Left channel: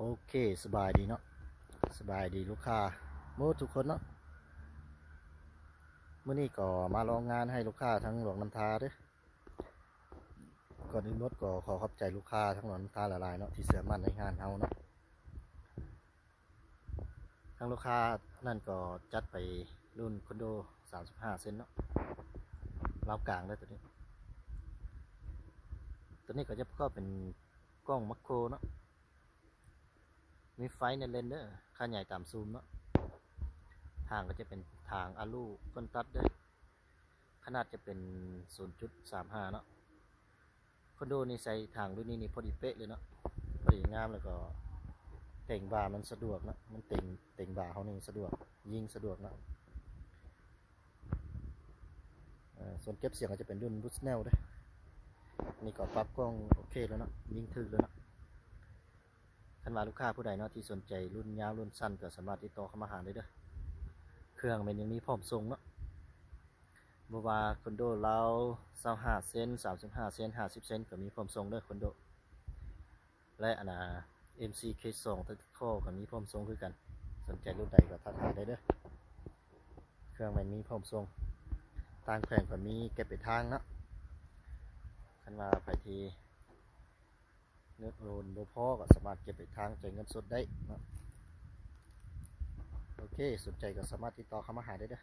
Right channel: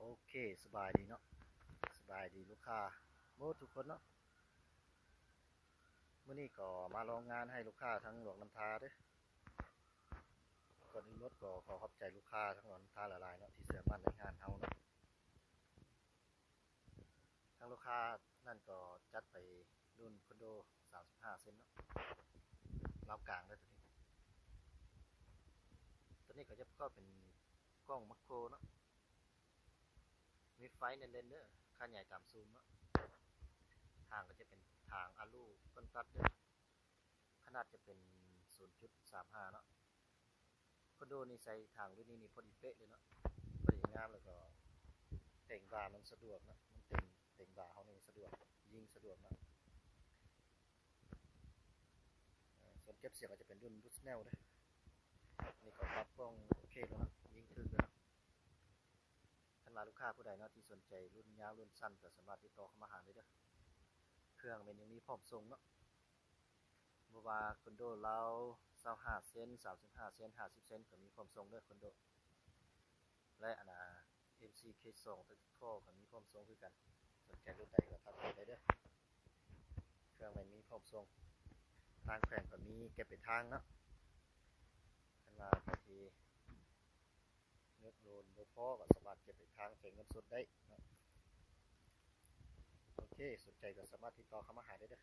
โอเคสบายดีเนาะสบายดีลูกค้าโมทุกคนเนาะเมื่อนี้ก็มาลองงานให้ลูกค้าทั้งหลวงน้ำทาเด้อก่อนอื่นรถก็ขอขอบใจลูกค้าทั้งหลวงน้ำทาหลายๆเนาะที่เชื่อมั่นในงานเฮาเนาะทั้งลูกค้านั่นก็จัดไปรุ่นคอนโด35เซนเนาะราวกลางได้อตัวนี้ก็จะประกอบเป็นกล้องมัคโครเนาะมีไฟในเลนเด้อค่าใหญ่ตามซูมเนาะทางก็จะเป็นทางอะลูก้นตัดเด้อขนาดจะเป็น 0.35 เนาะคอนโดนี่ใส่ทางรุ่นนี้นี่พอดีเป๊ะเลยเนาะพอดีงามแล้วก็เต่งบ่ามันสะดวกนะมันเต่งบ่าเขานี่สะดวกยิงสะดวกนะส่วนเก็บเสียงก็จะเป็นรุ่นบูสเนลด้วยนี่ก็ปรับกล้องโอเคแล้วเนาะยิงถึกแล้วเนาะท่านว่าลูกค้าผู้ใดเนาะที่สนใจรุ่นยาวรุ่นสั้นก็สามารถติดต่อเข้ามาหาได้เด้อเครื่องมันยังมีพร้อมส่งเนาะบ่ว่าคอนโดเรา25เซน35เซน50เซนก็มีพร้อมส่งเด้อคอนโดและMC K2 ตัดข้อก็มีพร้อมส่งคือกันสนใจรุ่นใดก็ทักหาได้เด้อเครื่องมันมีพร้อมส่งทางแขวงก็มีเก็บไปทางเนาะคันว่าไปทีเงินโอนบ่พอก็สามารถเก็บไปทางจ่ายเงินสดได้เนาะโอเคสนใจก็สามารถติดต่อเข้ามาหาได้เด้อ